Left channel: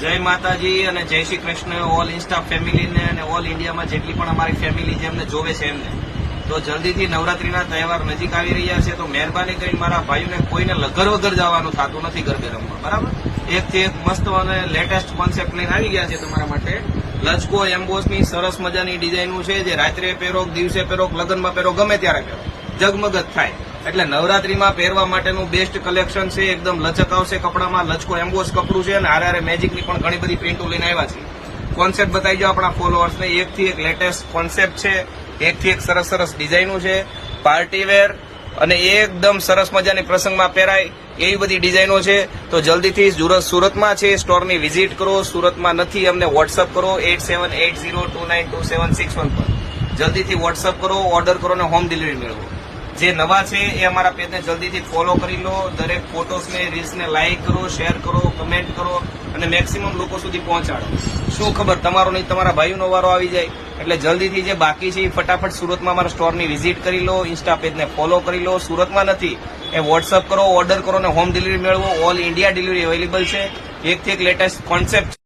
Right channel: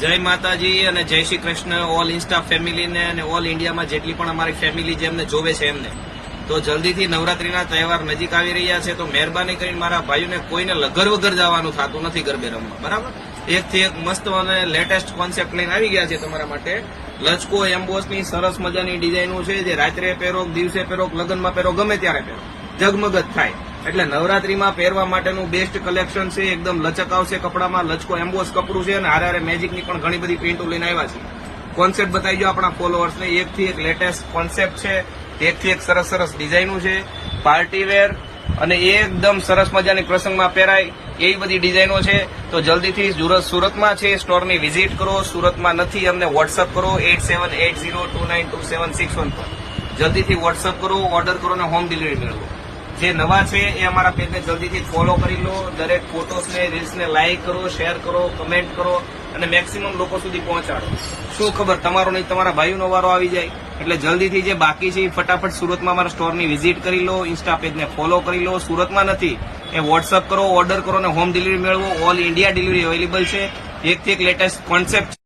જય માતાજી અને જય શ્રી કૃષ્ણ ઓલ ઇન્સ્ટા ફેમિલીને અને ઓલ ઇન્ડિયામાં જેટલી પણ અમારી ફેમિલી જેમને જોવે છે એમને. તો જલ્દીથી નવરાત્રીના તહેવાર નજીક આવી રહ્યા છે, તો મહેરબાની કરીને મારા ભાઈઓને કોઈને લગર વગર જવાનું થતું નથી ગરબે રમવા, બરાબર? એકથી એક મસ્ત અને લેટેસ્ટ કોન્સેપ્ટ લઈને આવી ગયા છે તમારા માટે. લચકો એમ્બોસની સરસ મજાની ડિઝાઇનો છે, જે રાત્રે પહેરો, દિવસે પહેરો, લગ્નમાં પહેરો, ગમે ત્યારે પહેરો, જગમગ જ થાય. એટલે નવરાત્રીમાં પહેરવા માટેનું બેસ્ટ કલેક્શન છે. એકદમ લચક આવશે કપડામાં. લચકો એમ્બોસ કપડું છે અને હારે મેજિકની પણ ઘણી બધી પ્રિન્ટો લઈને આવ્યા છે. કોન્સેપ્ટ બતાવી દો આપણા ફોલોઅર્સને. એકથી એક લેટેસ્ટ કોન્સેપ્ટ છે, એકથી એક સરસ સરસ ડિઝાઇનો છે, પાર્ટી વેર અને એકદમ સરસ મજાની પ્રસંગમાં પહેરાય એવી બધી ડિઝાઇનો છે. તો જલ્દીથી સુરતમાં છે, સ્ટોરની વિઝિટ કરો. સુરતમાં નથી, અમને વોટ્સઅપ કરો 8780292761 પર. જલ્દીથી વોટ્સઅપ કરો, ઓર્ડર કરો અને હોમ ડિલિવરી મેળવો. જે નવા છે એ અમારા પેજને જલ્દીથી ફોલો કરી લો. દરેક ફોટોસને, રીલ્સને લાઇક કરો, શેર કરો, કમેન્ટ કરો અને મેક્સિમમ લોકો સુધી પહોંચાડો. શું ખબર તમારો નહીં તમારા ભાઈઓનો વારો આવી જાય. એટલે જલ્દીથી જે બાકી છે એ ફટાફટ સુરતમાં અમારા સ્ટોરની વિઝિટ કરી લો, ઇન્સ્ટા પેજને ફોલો કરી લો. સુરતમાં નથી એ વોટ્સઅપ કરો, ઓર્ડર કરો અને હોમ ડિલિવરી મેળવો. ઓલ ઇન્ડિયા ડિલિવરી અવેલેબલ છે. એકથી એક લેટેસ્ટ કોન્સેપ્ટ